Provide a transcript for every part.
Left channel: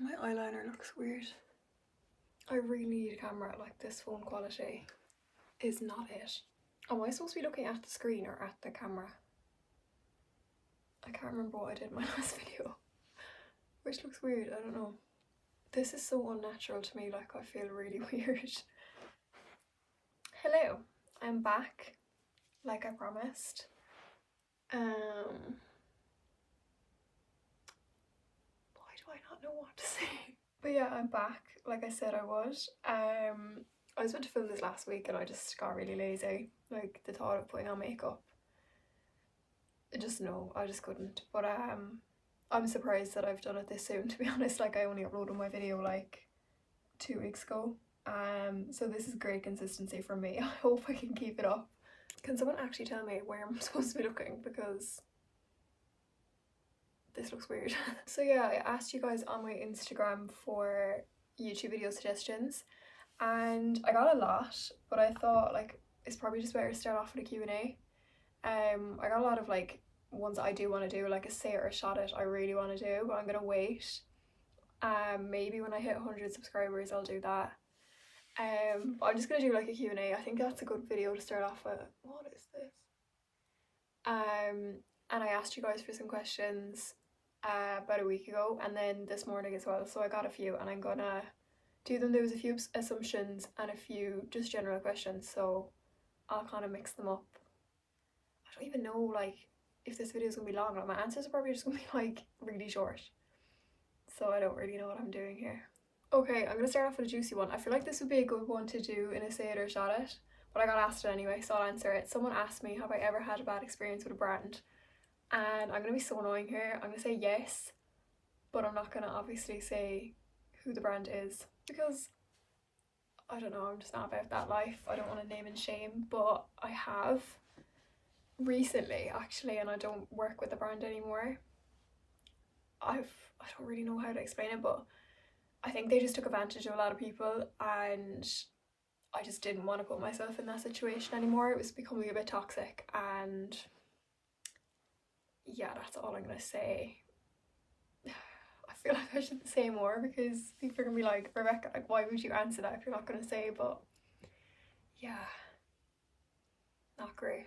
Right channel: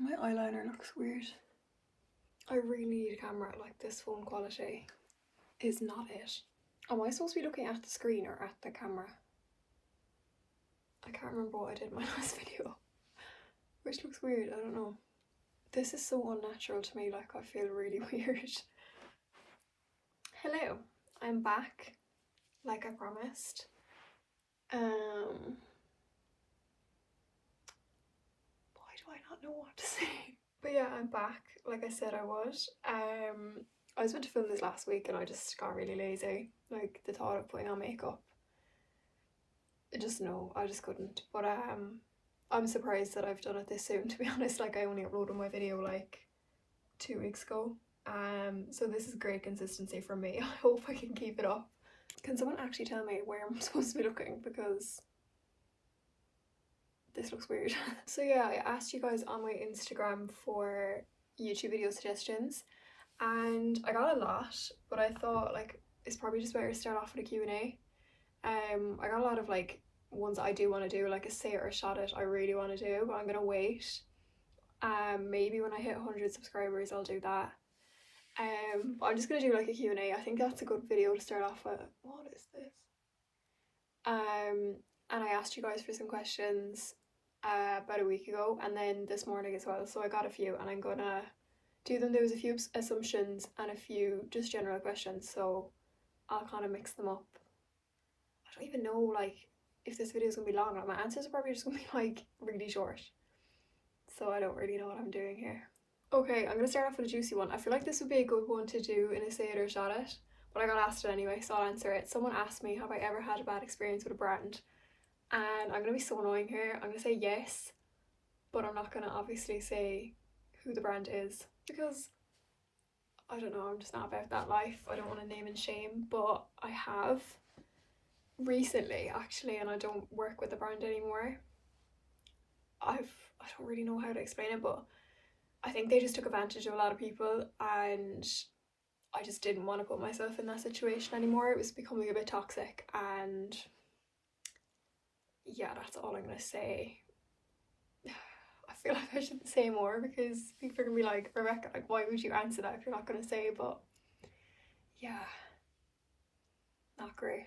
My eyeliner looks weird. I really need a camera. Like, this phone quality is not it. Am I supposed to be looking at the screen or at the camera? I can't remember what I did in my last video. Which looks weird, I don't know. This is so unnatural to me, like I feel really weird. Hello, I'm back, like I promised. Why do I not know what to say? But yeah, I'm back, like I said I would. I was meant to film this last week and I just got really lazy. Like, the thought of putting on makeup, I just couldn't. But I'm surprised that I've done it this soon, to be honest. Like, I only uploaded my video like 2 weeks ago. So this is great consistency from me. I hope I can keep it up. Can someone actually tell me where I'm supposed to be looking, because this looks weird. So yeah, I asked you guys on my Instagram for YouTube video suggestions and I got a lot, but I thought like it's probably just better to start off with a Q&A. I got a lot of like ones that I do want to do, like a say it or shot it I really want to do, but I'm gonna wait. Maybe when I hit 100 subscribers I'll do that. But I'm just gonna do like a Q&A. I think that's a good video to start off with. What is this? And I asked you guys for some questions about a week ago and then this morning as well, so I got a few and I'm gonna do them. There was a few assumptions and a few just general questions, so I'll kind of mix them up. I don't even know like if this video is gonna be long. Like, my answers are probably just gonna be like really short, so I don't really know what I'm doing here. Okay, I'm gonna start off with a juicy one. I feel like this would be a good one to do in a say it or shot it, but I got asked it anyway, so I'll answer it. Someone asked me, have I ever had a bad experience with a brand? And I'm gonna be so annoying here. I'm gonna say yes, but I'm not gonna obviously say who the brand is, because I don't know, I'm just not about that life. I don't want to name and shame, but I have recently actually, and I don't work with the brand anymore. I don't really know how to explain it, but I think they just took advantage of a lot of people and I just didn't want to put myself in that situation anymore. It was becoming a bit toxic, and yeah, that's all I'm gonna say. I feel like I shouldn't say more because people are gonna be like, Rebecca, like, why would you answer that if you're not gonna say? But yeah, not great.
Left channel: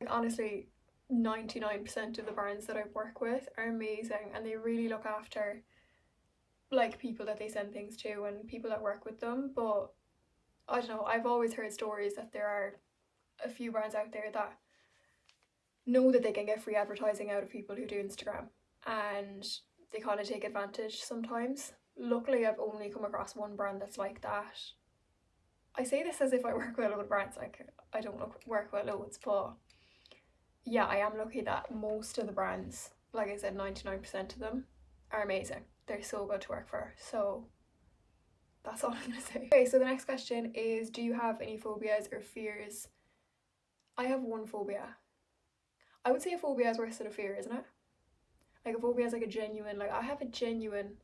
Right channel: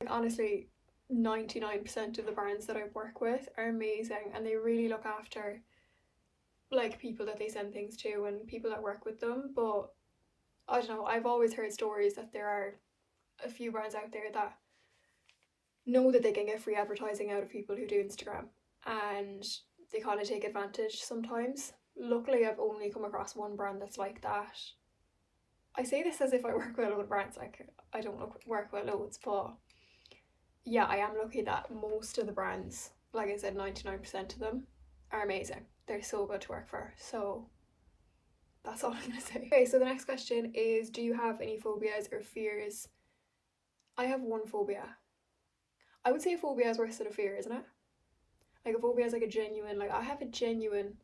Like, honestly, 99% of the brands that I work with are amazing and they really look after like people that they send things to and people that work with them. But I don't know, I've always heard stories that there are a few brands out there that know that they can get free advertising out of people who do Instagram, and they kind of take advantage sometimes. Luckily I've only come across one brand that's like that. I say this as if I work with a load of brands, like I don't work with loads, but yeah, I am lucky that most of the brands, like I said, 99% of them are amazing. They're so good to work for, so that's all I'm gonna say. Okay, so the next question is, do you have any phobias or fears? I have one phobia. I would say a phobia is worse than a fear, isn't it? Like, a phobia is like a genuine, like I have a genuine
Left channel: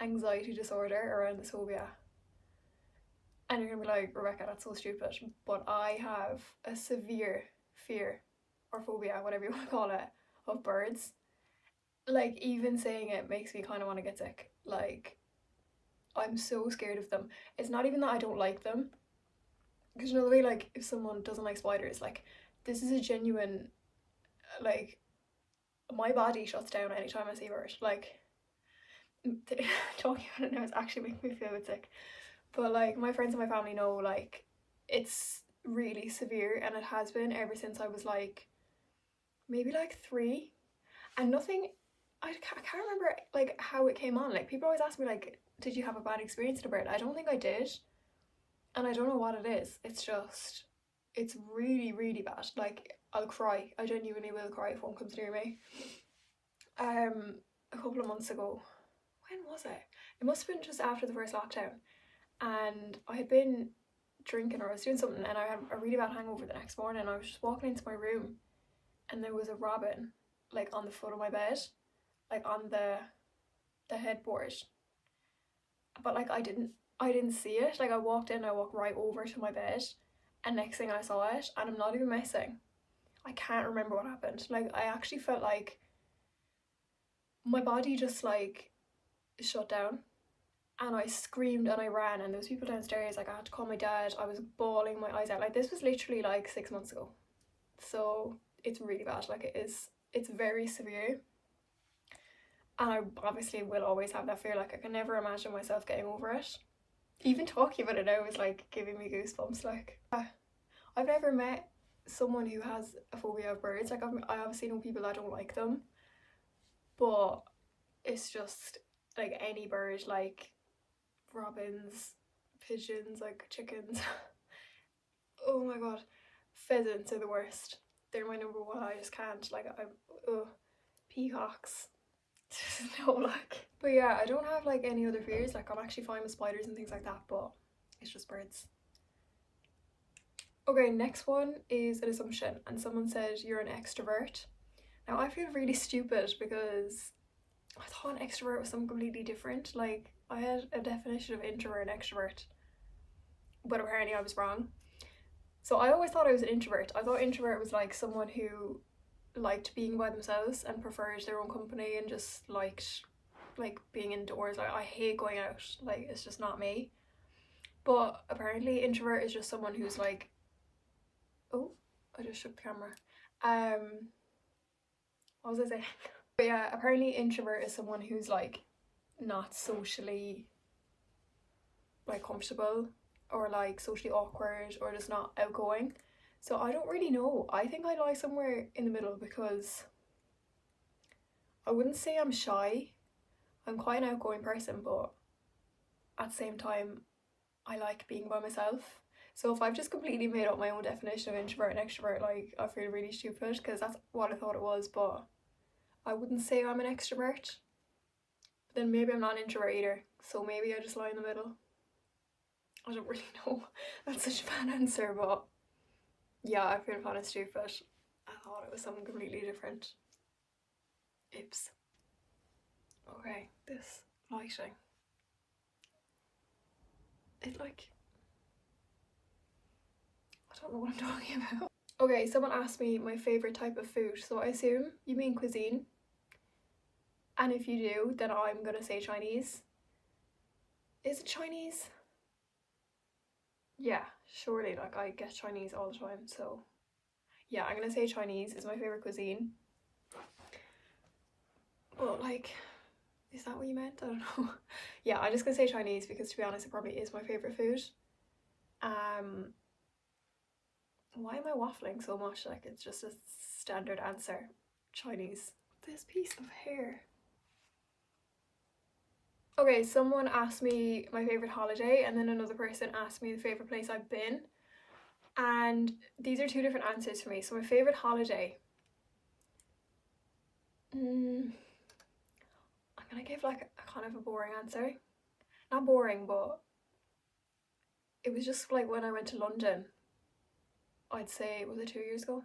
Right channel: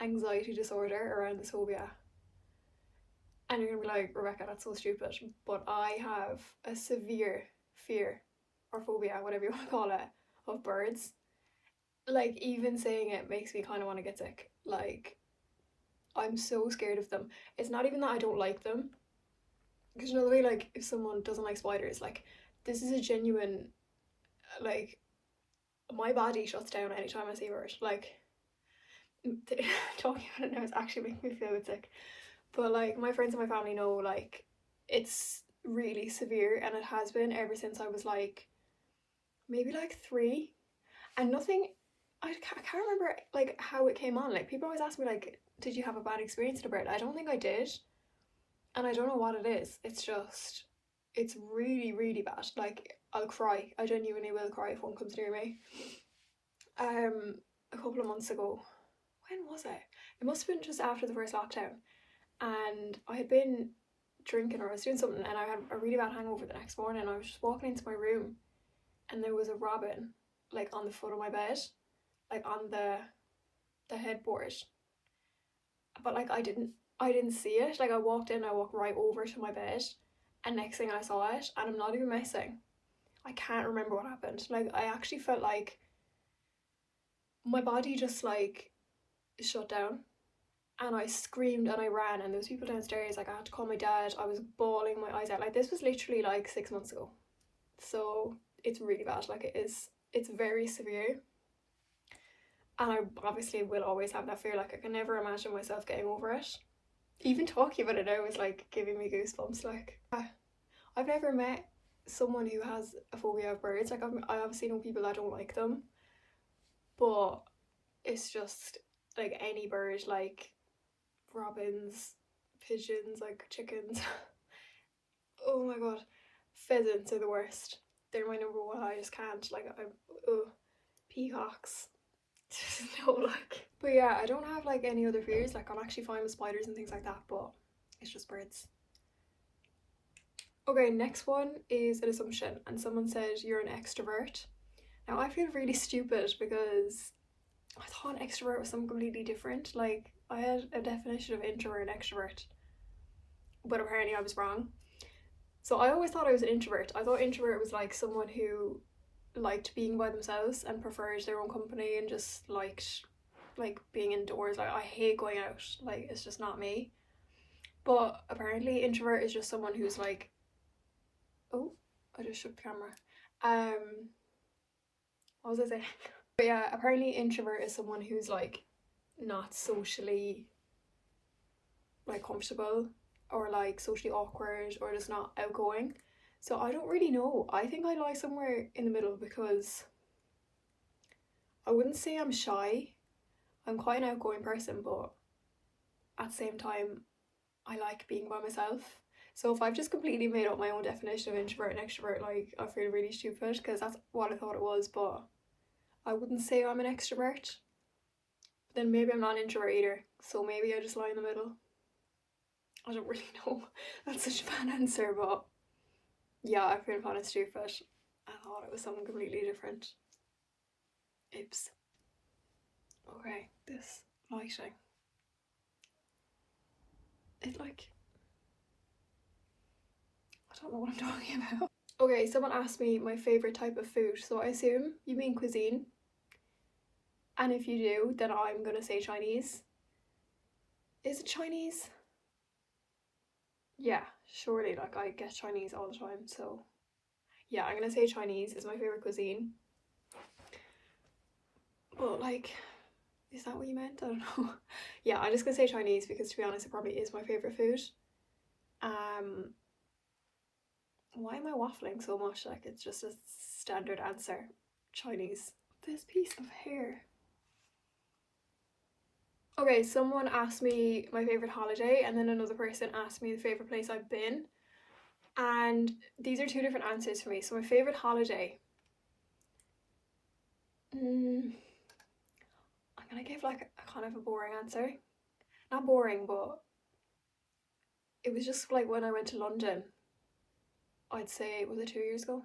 anxiety disorder around this phobia. And you're gonna be like, Rebecca, that's so stupid. But I have a severe fear or phobia, whatever you want to call it, of birds. Like, even saying it makes me kind of want to get sick. Like, I'm so scared of them. It's not even that I don't like them, because you know the way like if someone doesn't like spiders, like this is a genuine, like my body shuts down anytime I see a bird. Like, talking about it now is actually making me feel a bit sick. But like, my friends and my family know like it's really severe, and it has been ever since I was like maybe like 3, and nothing, I can't remember like how it came on. Like, people always ask me like, did you have a bad experience with a bird? I don't think I did, and I don't know what it is. It's just, it's really really bad. Like, I'll cry. I genuinely will cry if one comes near me. A couple of months ago, when was it? It must have been just after the first lockdown, and I had been drinking or I was doing something, and I had a really bad hangover the next morning. I was just walking into my room and there was a robin like on the foot of my bed, like on the headboard, but like I didn't see it. Like, I walked right over to my bed, and next thing I saw it, and I'm not even messing, I can't remember what happened. Like, I actually felt like my body just like shut down. and I screamed and I ran, and there was people downstairs, like I had to call my dad. I was bawling my eyes out. Like this was literally like 6 months ago, so it's really bad. Like it's very severe, and I obviously will always have that fear. Like I can never imagine myself getting over it. Even talking about it now is like giving me goosebumps. Like I've never met someone who has a phobia of birds. Like I obviously know people that don't like them, but it's just like any bird, like robins, pigeons, like chickens. Oh my god, pheasants are the worst. They're my number one. I just can't. Like peacocks. No, like. But yeah, I don't have like any other fears. Like I'm actually fine with spiders and things like that, but it's just birds. Okay, next one is an assumption, and someone said you're an extrovert. Now I feel really stupid because I thought extrovert was something completely different. Like I had a definition of introvert and extrovert, but apparently I was wrong. So I always thought I was an introvert. I thought introvert was like someone who liked being by themselves and preferred their own company and just liked like being indoors. Like I hate going out. Like it's just not me. But apparently introvert is just someone who's like, oh, I just shook the camera. What was I saying? But yeah, apparently introvert is someone who's like not socially like comfortable, or like socially awkward, or just not outgoing. So I don't really know. I think I lie somewhere in the middle, because I wouldn't say I'm shy. I'm quite an outgoing person, but at the same time I like being by myself. So if I've just completely made up my own definition of introvert and extrovert, like I feel really stupid, because that's what I thought it was. But I wouldn't say I'm an extrovert. But then maybe I'm not an introvert either, so maybe I just lie in the middle. I don't really know. That's such a bad answer, but yeah, I feel kind of stupid. I thought it was something completely different. Oops. Okay, this lighting. It like, I don't know what I'm talking about. Okay, someone asked me my favourite type of food, so I assume you mean cuisine. And if you do, then I'm gonna say Chinese. Is it Chinese? Yeah, surely, like I get Chinese all the time, so yeah, I'm gonna say Chinese is my favourite cuisine. But like, is that what you meant? I don't know. Yeah, I'm just gonna say Chinese because, to be honest, it probably is my favourite food. Why am I waffling so much? Like it's just a standard answer. Chinese. This piece of hair. Okay, someone asked me my favourite holiday, and then another person asked me the favourite place I've been. And these are two different answers for me. So my favourite holiday. I'm gonna give like a kind of a boring answer. Not boring, but it was just like when I went to London. I'd say, was it 2 years ago?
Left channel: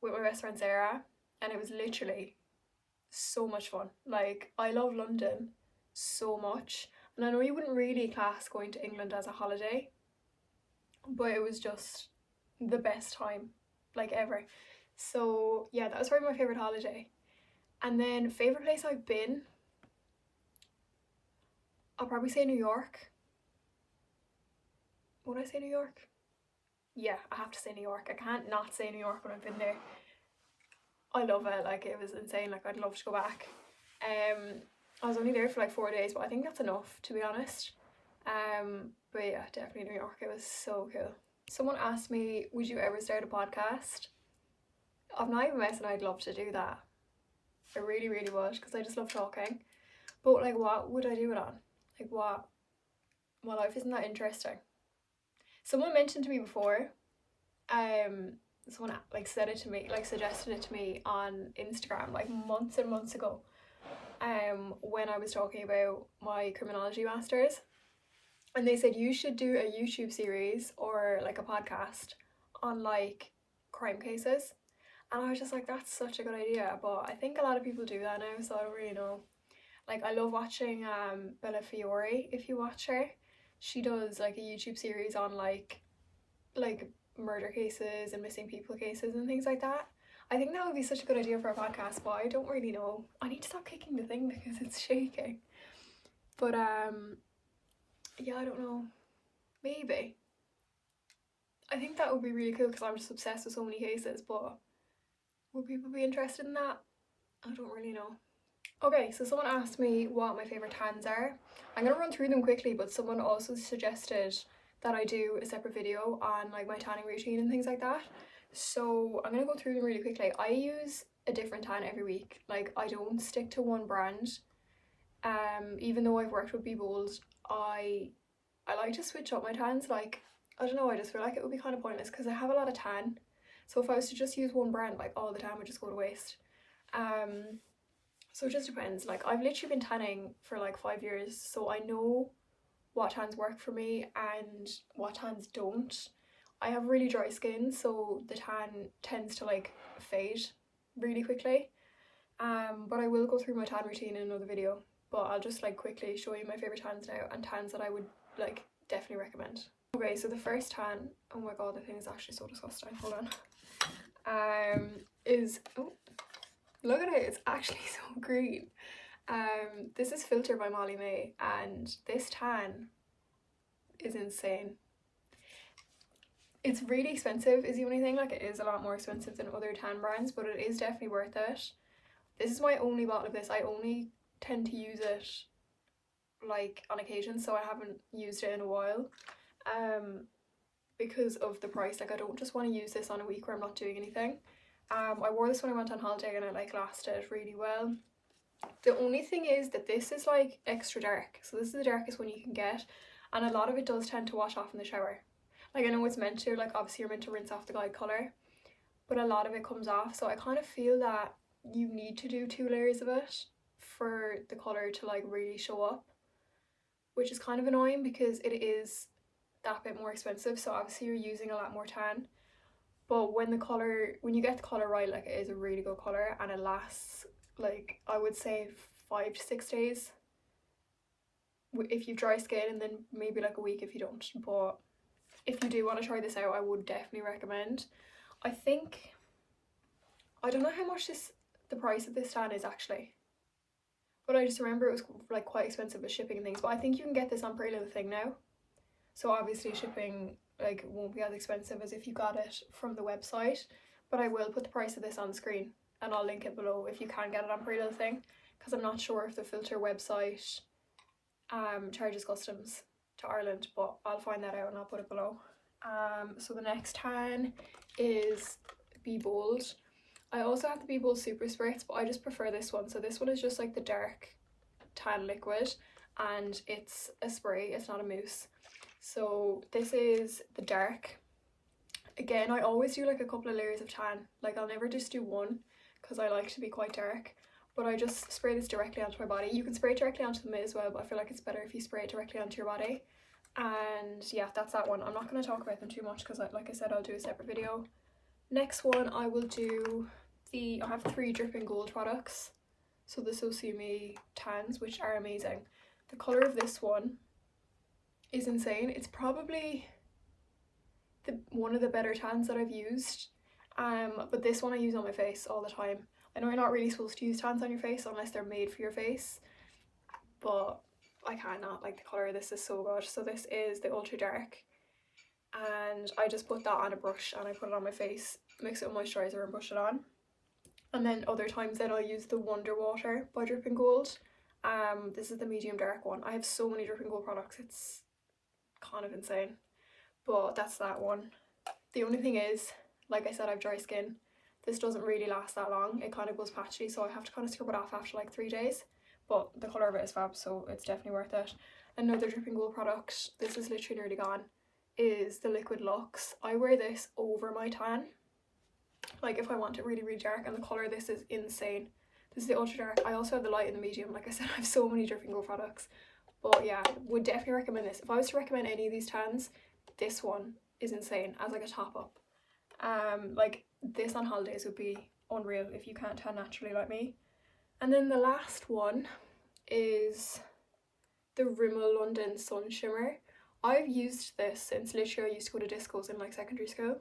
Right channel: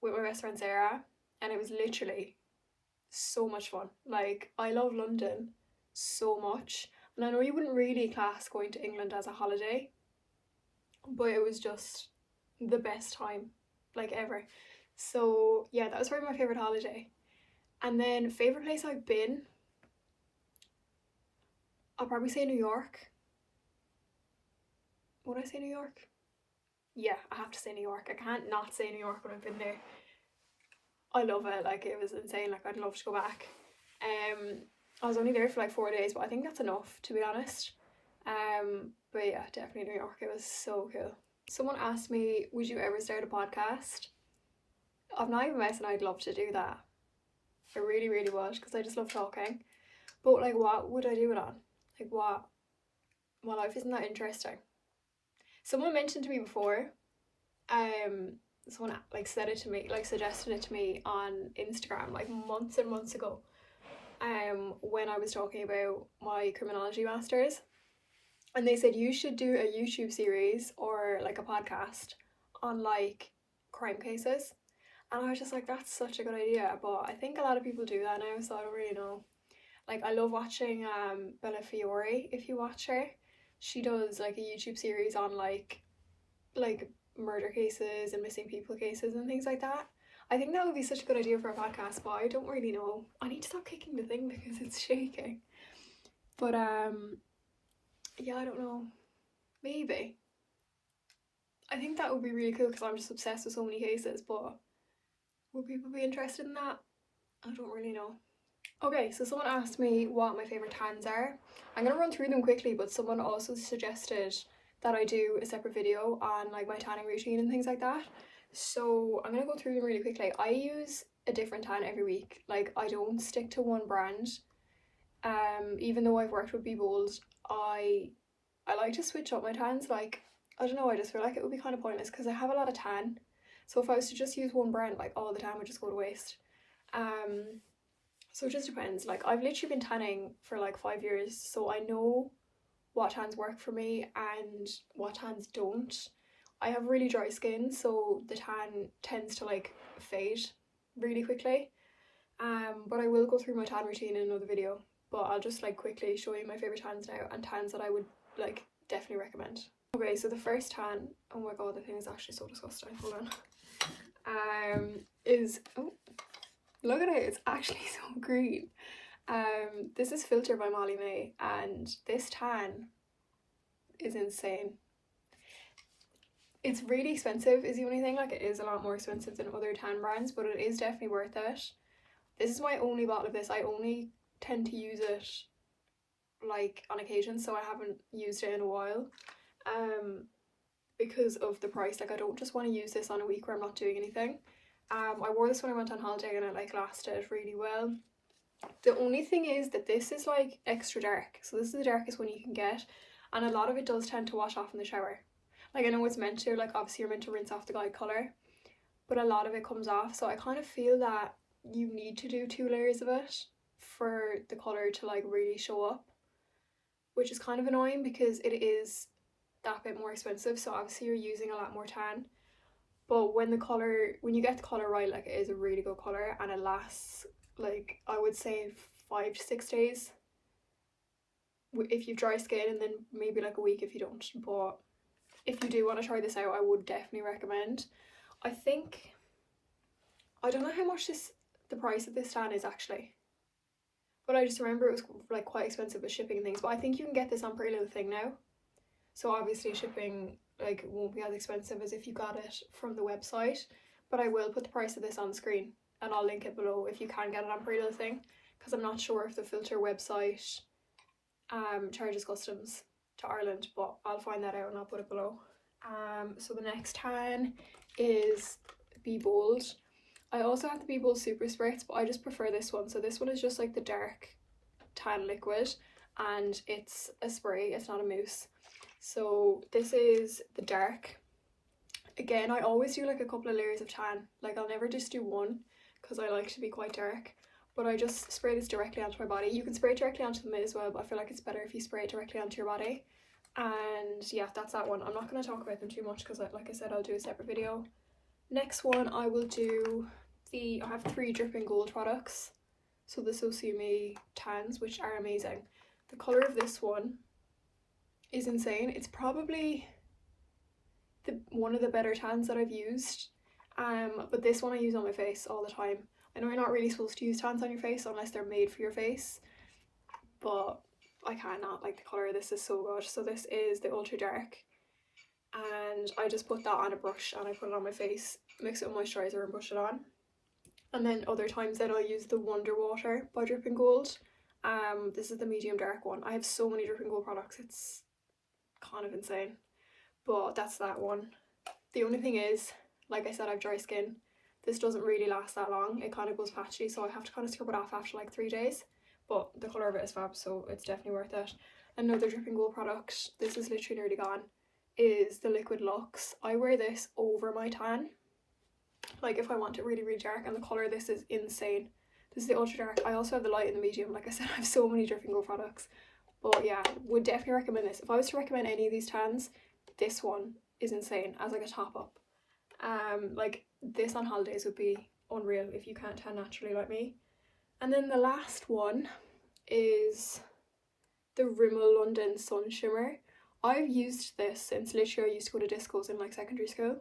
With my best friend Sarah, and it was literally so much fun. Like I love London so much, and I know you wouldn't really class going to England as a holiday, but it was just the best time like ever. So yeah, that was probably my favorite holiday. And then favorite place I've been, I'll probably say New York. Would I say New York? Yeah, I have to say New York. I can't not say New York when I've been there. I love it. Like it was insane. Like I'd love to go back. I was only there for like 4 days, but I think that's enough, to be honest. But yeah, definitely New York. It was so cool. Someone asked me, would you ever start a podcast? I'm not even messing, I'd love to do that. I really, really would, because I just love talking. But like, what would I do it on? Like what? My life isn't that interesting. Someone mentioned to me before, someone like said it to me, like suggested it to me on Instagram like months and months ago, when I was talking about my criminology masters, and they said you should do a YouTube series or like a podcast on like crime cases. And I was just like, that's such a good idea, but I think a lot of people do that now, so I don't really know. Like I love watching Bella Fiore. If you watch her, she does like a YouTube series on like murder cases and missing people cases and things like that. I think that would be such a good idea for a podcast, but I don't really know. I need to stop kicking the thing because it's shaking. But yeah, I don't know, maybe. I think that would be really cool because I'm just obsessed with so many cases, but would people be interested in that? I don't really know. Okay, so someone asked me what my favourite tans are. I'm gonna run through them quickly, but someone also suggested that I do a separate video on like my tanning routine and things like that. So I'm gonna go through them really quickly. I use a different tan every week. Like, I don't stick to one brand. Even though I've worked with Be Bold, I like to switch up my tans. Like, I don't know, I just feel like it would be kind of pointless because I have a lot of tan. So if I was to just use one brand like all the time, it would just go to waste. So it just depends. Like, I've literally been tanning for like 5 years, so I know what tans work for me and what tans don't. I have really dry skin, so the tan tends to like fade really quickly. But I will go through my tan routine in another video. But I'll just like quickly show you my favourite tans now and tans that I would like definitely recommend. Okay, so the first tan, oh my god, the thing is actually so disgusting. Hold on. Is, oh, look at it, it's actually so green. This is Filter by Molly May, and this tan is insane. It's really expensive is the only thing. Like, it is a lot more expensive than other tan brands, but it is definitely worth it. This is my only bottle of this. I only tend to use it like on occasion, so I haven't used it in a while because of the price. Like, I don't just want to use this on a week where I'm not doing anything. I wore this when I went on holiday and it like lasted really well. The only thing is that this is like extra dark, so this is the darkest one you can get, and a lot of it does tend to wash off in the shower. Like, I know it's meant to, like obviously you're meant to rinse off the guide colour, but a lot of it comes off, so I kind of feel that you need to do 2 layers of it for the colour to like really show up, which is kind of annoying because it is that bit more expensive, so obviously you're using a lot more tan. But when you get the colour right, like, it is a really good colour and it lasts like, I would say 5 to 6 days if you've dry skin, and then maybe like a week if you don't. But if you do want to try this out, I would definitely recommend. I don't know how much the price of this tan is actually, but I just remember it was like quite expensive with shipping and things. But I think you can get this on Pretty Little Thing now, so obviously shipping like won't be as expensive as if you got it from the website. But I will put the price of this on the screen and I'll link it below if you can get it on Pretty Little Thing, because I'm not sure if the Filter website charges customs to Ireland, but I'll find that out and I'll put it below. So the next tan is Be Bold. I also have the Be Bold Super Spritz, but I just prefer this one. So this one is just like the dark tan liquid and it's a spray, it's not a mousse. So this is the dark. Again, I always do like a couple of layers of tan. Like, I'll never just do one because I like to be quite dark, but I just spray this directly onto my body. You can spray it directly onto the mitt as well, but I feel like it's better if you spray it directly onto your body. And yeah, that's that one. I'm not going to talk about them too much because like I said, I'll do a separate video. Next one, I will do I have 3 Dripping Gold products. So the So See Me tans, which are amazing. The colour of this one is insane. It's probably one of the better tans that I've used. But this one I use on my face all the time. I know you're not really supposed to use tans on your face unless they're made for your face, but I cannot. Like, the colour of this is so good. So this is the Ultra Dark, and I just put that on a brush and I put it on my face, mix it with moisturiser and brush it on. And then other times then I'll use the Wonder Water by Dripping Gold. This is the medium dark one. I have so many Dripping Gold products, it's kind of insane. But that's that one. The only thing is, like I said, I have dry skin. This doesn't really last that long. It kind of goes patchy, so I have to kind of scrub it off after like 3 days. But the colour of it is fab, so it's definitely worth it. Another Dripping Gold product, this is literally nearly gone, is the Liquid Luxe. I wear this over my tan, like if I want it really, really dark, and the colour of this is insane. This is the Ultra Dark. I also have the light and the medium. Like I said, I have so many Dripping Gold products. But yeah, would definitely recommend this. If I was to recommend any of these tans, this one is insane as like a top up. Like, this on holidays would be unreal if you can't tan naturally like me. And then the last one is the Rimmel London Sun Shimmer. I've used this since literally I used to go to discos in like secondary school.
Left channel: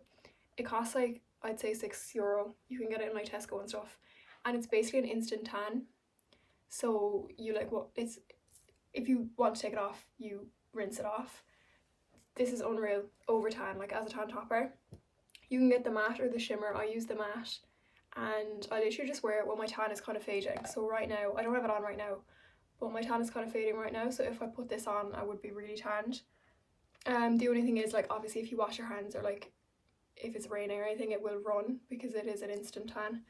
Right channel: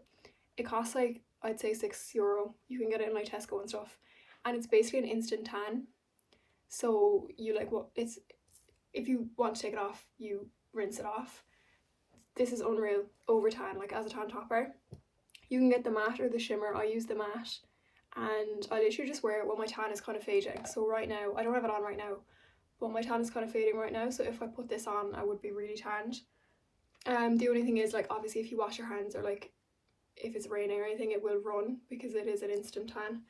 It costs like, I'd say €6. You can get it in like Tesco and stuff, and it's basically an instant tan. So you like, what, it's if you want to take it off, you rinse it off. This is unreal over tan, like as a tan topper. You can get the matte or the shimmer. I use the matte, and I literally just wear it when my tan is kind of fading. So right now, I don't have it on right now, but my tan is kind of fading right now, so if I put this on, I would be really tanned. The only thing is, like, obviously if you wash your hands, or like if it's raining or anything, it will run because it is an instant tan.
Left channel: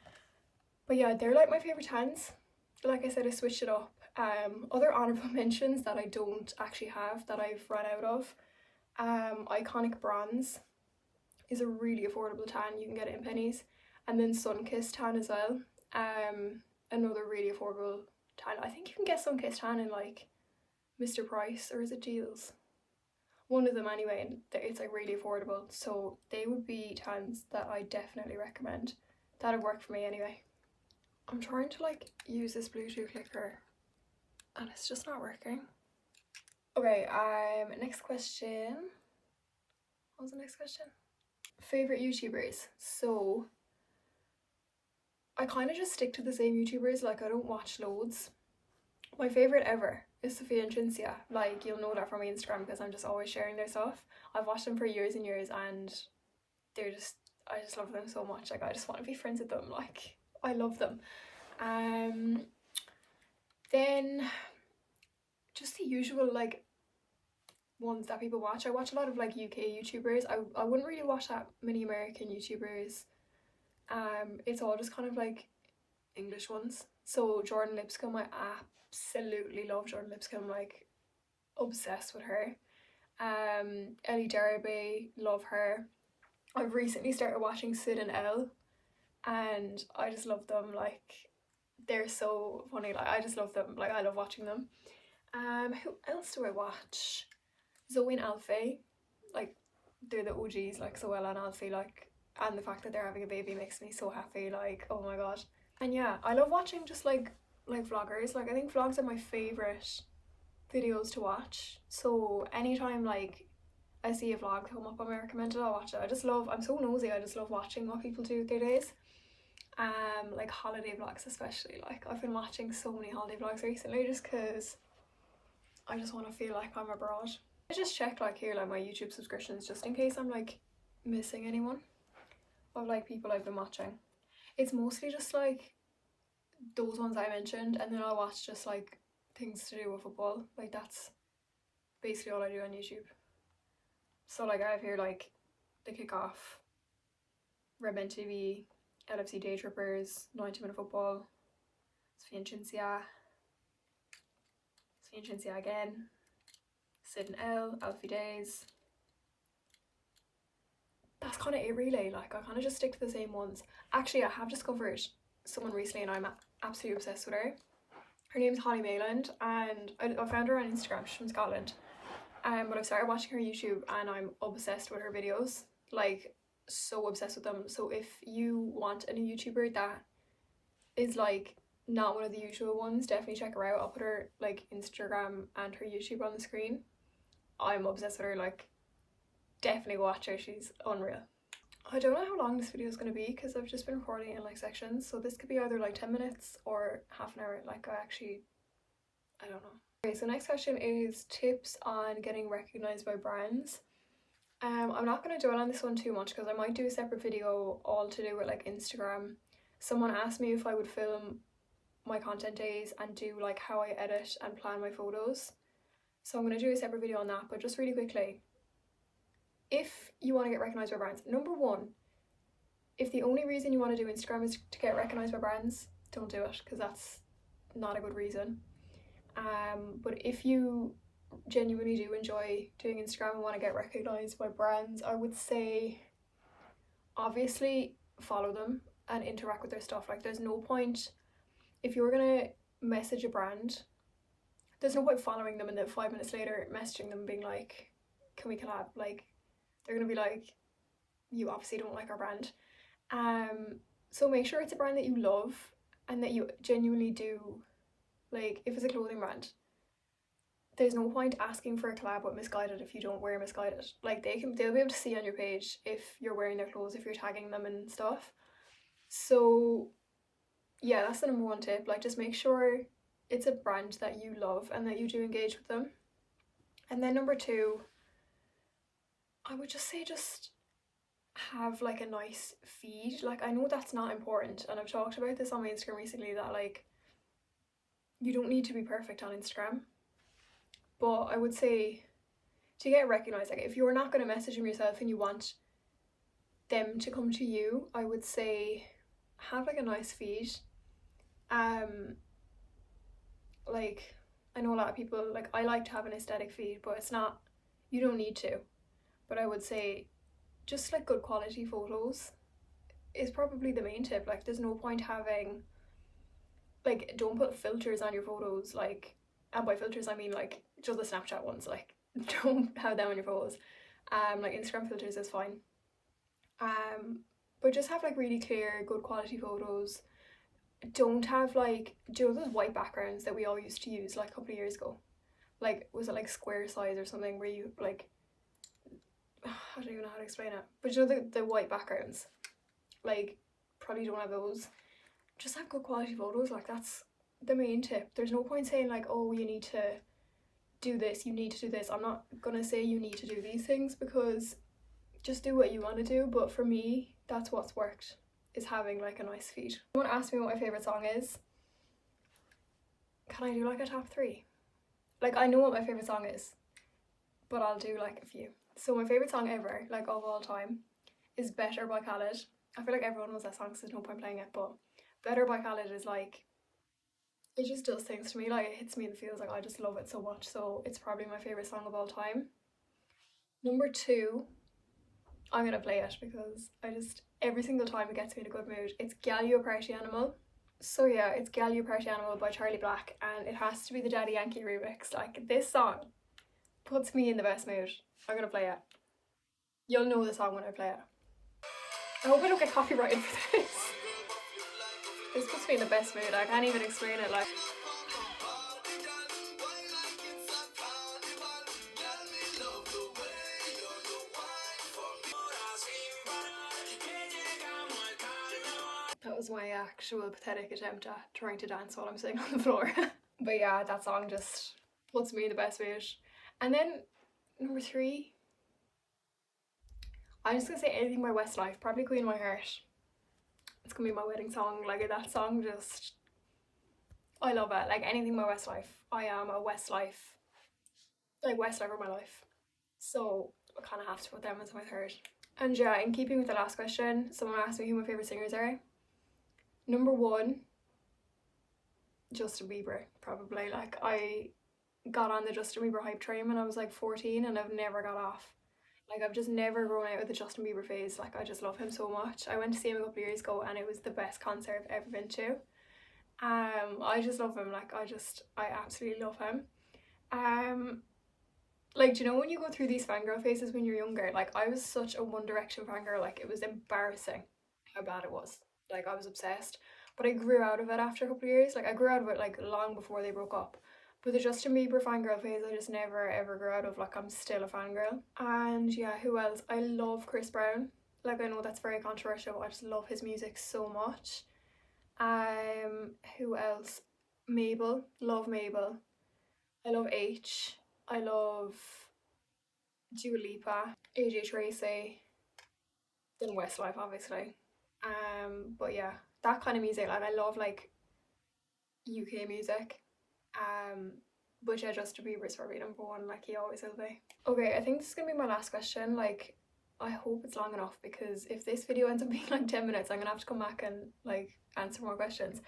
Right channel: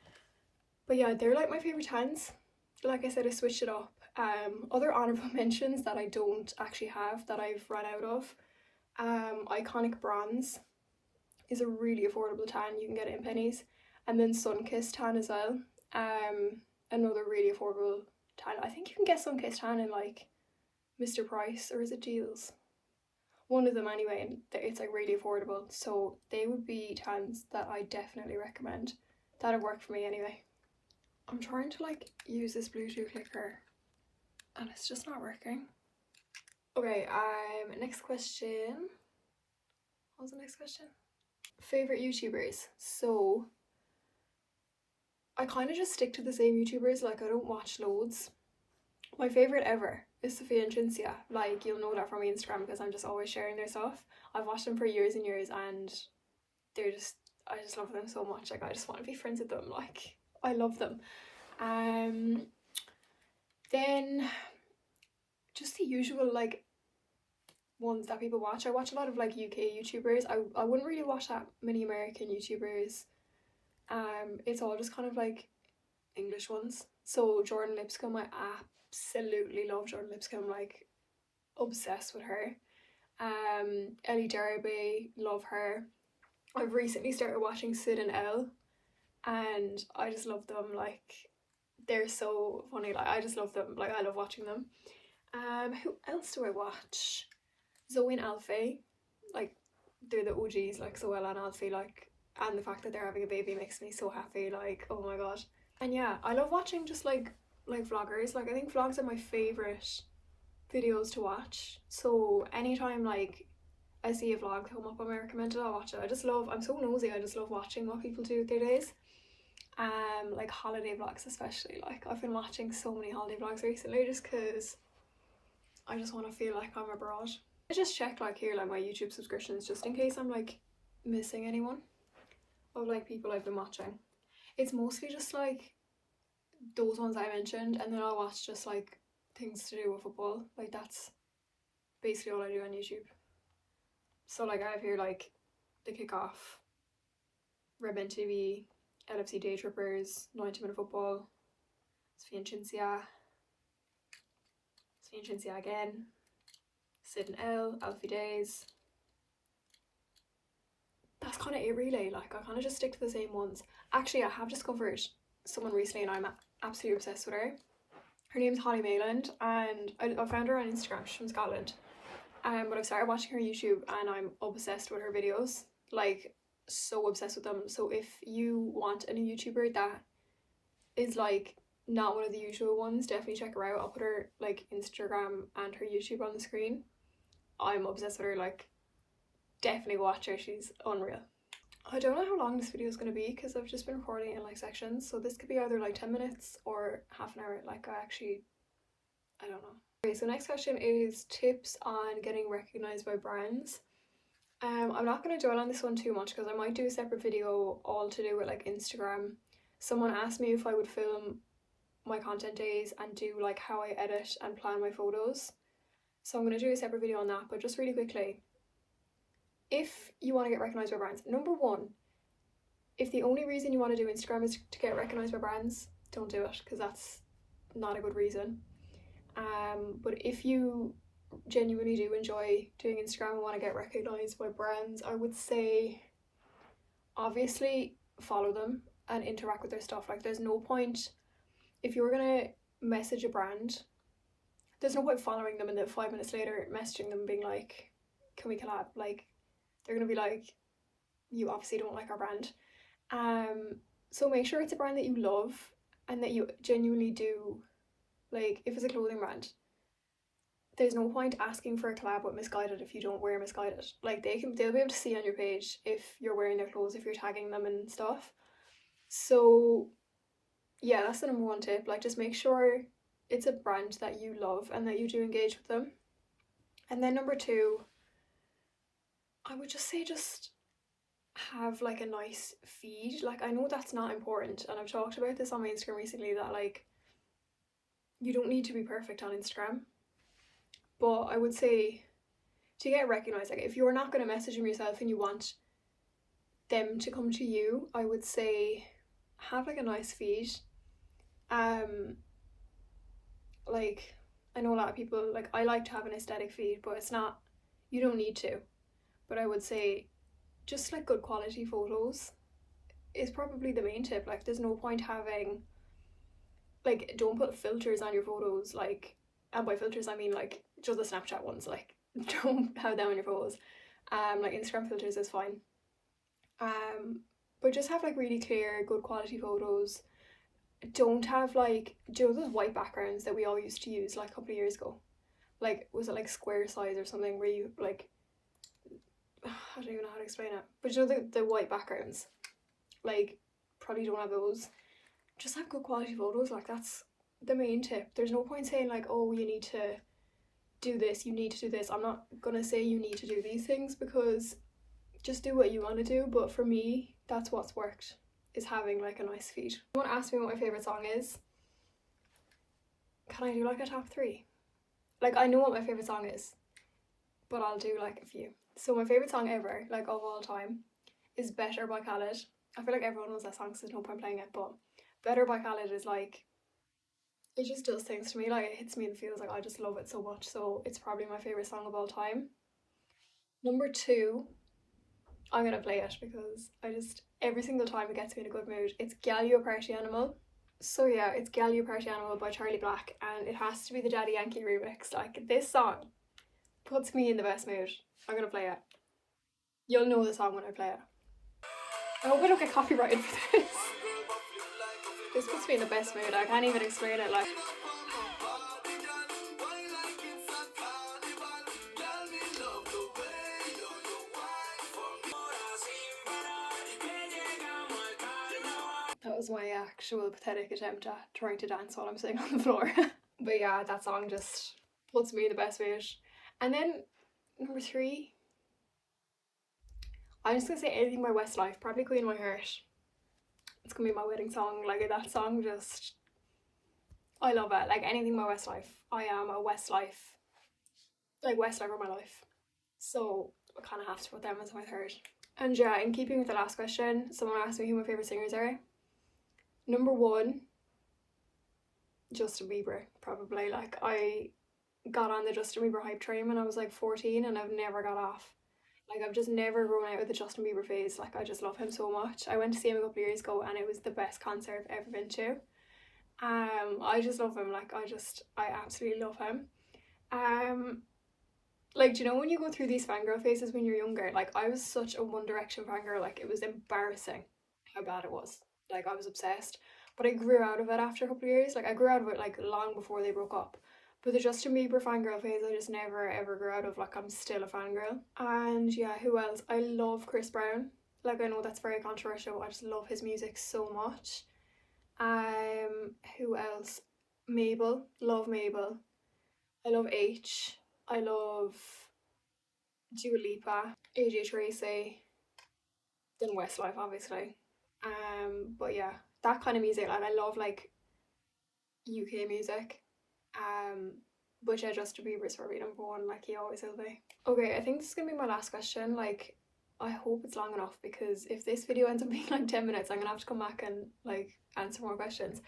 But yeah, they're like my favourite tans. Like I said, I switched it up. Other honourable mentions that I don't actually have, that I've run out of. Iconic Bronze is a really affordable tan. You can get it in pennies. And then Sunkissed tan as well. Another really affordable tan. I think you can get Sunkissed tan in like Mr. Price, or is it Deals? One of them anyway, and it's like really affordable. So they would be tans that I definitely recommend. That would work for me anyway. I'm trying to like use this Bluetooth clicker and it's just not working. Okay, next question. What was the next question? Favorite YouTubers. So I kind of just stick to the same YouTubers, like I don't watch loads. My favorite ever is Sophia and Cinzia. Like, you'll know that from my Instagram because I'm just always sharing their stuff. I've watched them for years and years, and they're just, I just love them so much. Like, I just want to be friends with them. Like, I love them. Then just the usual like ones that people watch. I watch a lot of like UK YouTubers. I wouldn't really watch that many American YouTubers. It's all just kind of like English ones. So Jordan Lipscomb, I absolutely love Jordan Lipscomb, like obsessed with her. Ellie Derby, love her. I've recently started watching Sid and Elle, and I just love them. Like, they're so funny. Like, I just love them. Like, I love watching them. Who else do I watch? Zoe and Alfie, like they're the OGs, like Zoella and Alfie, like, and the fact that they're having a baby makes me so happy. Like, oh my god. And yeah, I love watching just like vloggers. Like, I think vlogs are my favorite videos to watch. So anytime like I see a vlog come up on my recommended, I'll watch it. I just love, I'm so nosy, I just love watching what people do with their days. Like holiday vlogs especially. Like, I've been watching so many holiday vlogs recently just because I just want to feel like I'm abroad. I just check like here, like my YouTube subscriptions, just in case I'm like missing anyone of like people I've been watching. It's mostly just like those ones I mentioned, and then I'll watch just like things to do with football. Like, that's basically all I do on YouTube. So like I have here like the Kickoff, Redmen TV, LFC Day Trippers, 90-minute football, Sophia and Cinzia again, Sid and Elle, Alfie Days. That's kind of it really. Like, I kind of just stick to the same ones. Actually, I have discovered someone recently and I'm absolutely obsessed with her. Her name's Holly Mayland, and I found her on Instagram. She's from Scotland. But I've started watching her YouTube and I'm obsessed with her videos. Like, so obsessed with them. So if you want a new YouTuber that is like not one of the usual ones, definitely check her out. I'll put her like Instagram and her YouTube on the screen. I'm obsessed with her. Like, definitely watch her, she's unreal. I don't know how long this video is going to be because I've just been recording in like sections, so this could be either like 10 minutes or half an hour. Like, I don't know. Okay, so next question is tips on getting recognized by brands. I'm not going to dwell on this one too much because I might do a separate video all to do with like Instagram. Someone asked me if I would film my content days and do like how I edit and plan my photos, so I'm going to do a separate video on that. But just really quickly, if you want to get recognized by brands, number one, if the only reason you want to do Instagram is to get recognized by brands, don't do it because that's not a good reason. But if you genuinely do enjoy doing Instagram and want to get recognized by brands, I would say obviously follow them and interact with their stuff. Like, there's no point, if you're gonna message a brand, there's no point following them and then 5 minutes later messaging them being like, can we collab? Like, they're gonna be like, you obviously don't like our brand. So make sure it's a brand that you love and that you genuinely do. Like, if it's a clothing brand, there's no point asking for a collab with Misguided if you don't wear Misguided. Like, they'll be able to see on your page if you're wearing their clothes, if you're tagging them and stuff. So yeah, that's the number one tip. Like, just make sure it's a brand that you love and that you do engage with them. And then number two, I would just say just have like a nice feed. Like, I know that's not important, and I've talked about this on my Instagram recently, that like you don't need to be perfect on Instagram, but I would say to get recognized, like if you're not going to message them yourself and you want them to come to you, I would say have like a nice feed. Like, I know a lot of people, like, I like to have an aesthetic feed, but it's not, you don't need to. But I would say just like good quality photos is probably the main tip. Like, there's no point having, like, don't put filters on your photos, like, and by filters I mean like just the Snapchat ones, like don't have them on your photos. Like Instagram filters is fine. But just have like really clear, good quality photos. Don't have like, do you know those white backgrounds that we all used to use like a couple of years ago? Like, was it like Square Size or something, where you like, I don't even know how to explain it, but you know the white backgrounds, like, probably don't have those. Just have good quality photos, like that's the main tip. There's no point saying like, oh, you need to do this, you need to do this. I'm not gonna say you need to do these things, because just do what you want to do, but for me that's what's worked, is having like a nice feed. Someone asked me what my favourite song is. Can I do like a top three? Like, I know what my favourite song is, but I'll do like a few. So my favourite song ever, like of all time, is Better by Khaled. I feel like everyone knows that song, so there's no point playing it, but Better by Khaled is like, it just does things to me, like it hits me in the feels, like I just love it so much, so it's probably my favourite song of all time. Number two, I'm gonna play it because I just, every single time it gets me in a good mood. It's Gal You a Party Animal. So yeah, it's Gal You a Party Animal by Charlie Black, and it has to be the Daddy Yankee remix. Like, this song puts me in the best mood. I'm gonna play it. You'll know the song when I play it. I hope I don't get copyrighted for this. This puts me in the best mood. I can't even explain it. Like, that was my actual pathetic attempt at trying to dance while I'm sitting on the floor. But yeah, that song just puts me in the best mood. And then number three, I'm just gonna say Anything by Westlife, probably Queen of My Heart. It's gonna be my wedding song. Like, that song just, I love it. Like, Anything by Westlife. I am a Westlife, like Westlife of my life. So I kind of have to put them as my third. And yeah, in keeping with the last question, someone asked me who my favourite singers are. Number one, Justin Bieber, probably. Like, I got on the Justin Bieber hype train when I was like 14 and I've never got off. Like, I've just never grown out of the Justin Bieber phase. Like, I just love him so much. I went to see him a couple of years ago and it was the best concert I've ever been to. I just love him. Like, I absolutely love him. Like, do you know when you go through these fangirl phases when you're younger? Like, I was such a One Direction fangirl. Like, it was embarrassing how bad it was. Like, I was obsessed. But I grew out of it after a couple of years. Like, I grew out of it like long before they broke up. But the Justin Bieber fangirl phase, I just never ever grew out of. Like, I'm still a fangirl. And yeah, who else? I love Chris Brown. Like, I know that's very controversial. I just love his music so much. Who else? Mabel. Love Mabel. I love H. I love Dua Lipa. AJ Tracy. Then Westlife, obviously. But yeah, that kind of music. Like, I love like UK music. But yeah, Justin Bieber's probably number one, like he always will be. Okay, I think this is gonna be my last question. Like, I hope it's long enough, because if this video ends up being like 10 minutes, I'm gonna have to come back and like answer more questions.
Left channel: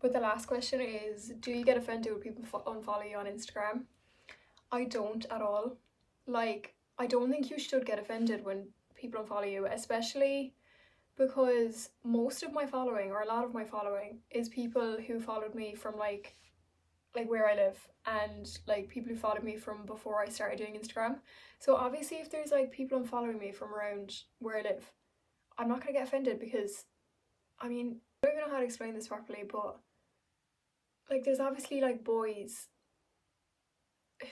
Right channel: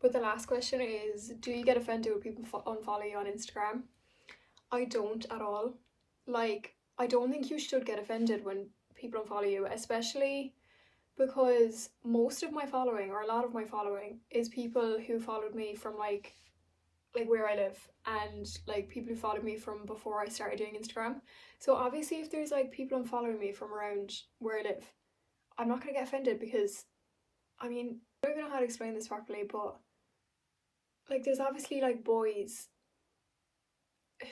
But the last question is, do you get offended when people unfollow you on Instagram? I don't at all. Like, I don't think you should get offended when people unfollow you, especially because most of my following, or a lot of my following, is people who followed me from like where I live, and like people who followed me from before I started doing Instagram. So obviously if there's like people unfollowing me from around where I live, I'm not gonna get offended, because I mean, I don't even know how to explain this properly, but like there's obviously like boys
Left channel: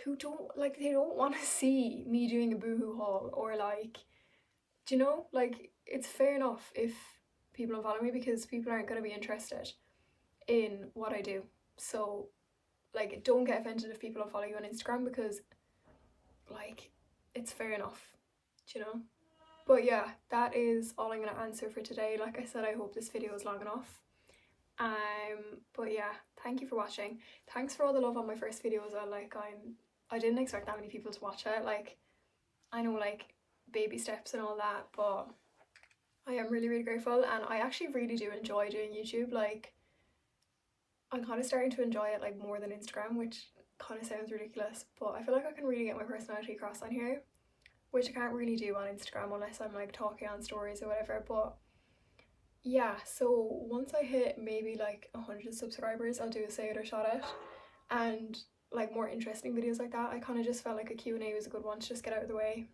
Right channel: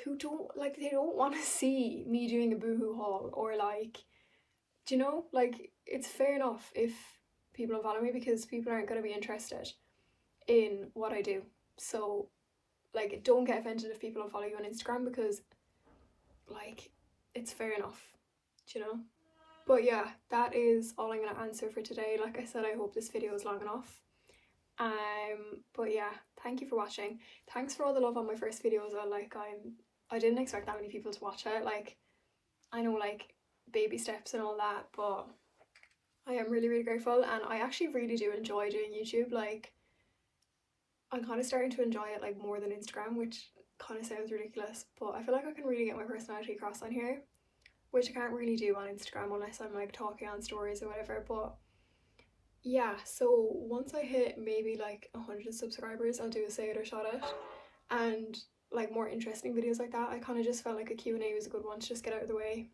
who don't like, they don't want to see me doing a boohoo haul, or like, do you know, like it's fair enough if people unfollow me, because people aren't going to be interested in what I do. So like, don't get offended if people unfollow you on Instagram, because like it's fair enough, do you know? But yeah, that is all I'm gonna answer for today. Like I said, I hope this video is long enough. But yeah, thank you for watching. Thanks for all the love on my first video as well. Like, I didn't expect that many people to watch it. Like, I know, like, baby steps and all that, but I am really, really grateful, and I actually really do enjoy doing YouTube. Like, I'm kind of starting to enjoy it like more than Instagram, which kind of sounds ridiculous, but I feel like I can really get my personality across on here, which I can't really do on Instagram unless I'm like talking on stories or whatever. But yeah, so once I hit maybe like 100 subscribers, I'll do a say it or shout it, and like more interesting videos like that. I kind of just felt like a Q&A was a good one to just get out of the way.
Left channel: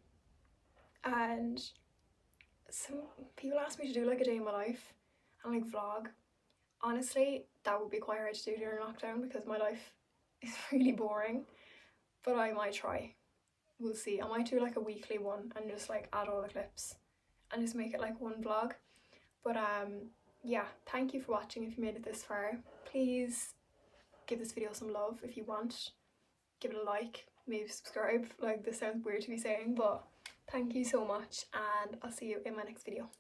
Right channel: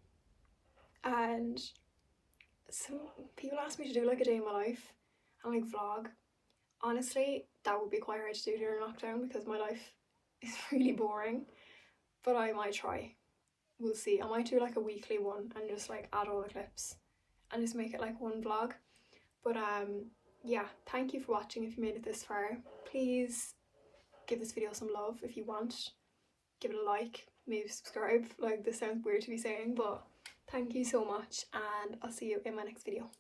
And some people asked me to do like a day in my life and like vlog. Honestly, that would be quite hard to do during lockdown because my life is really boring, but I might try. We'll see. I might do like a weekly one and just like add all the clips and just make it like one vlog. But yeah, thank you for watching. If you made it this far, please give this video some love if you want. Give it a like, maybe subscribe. Like, this sounds weird to be saying, but thank you so much, and I'll see you in my next video.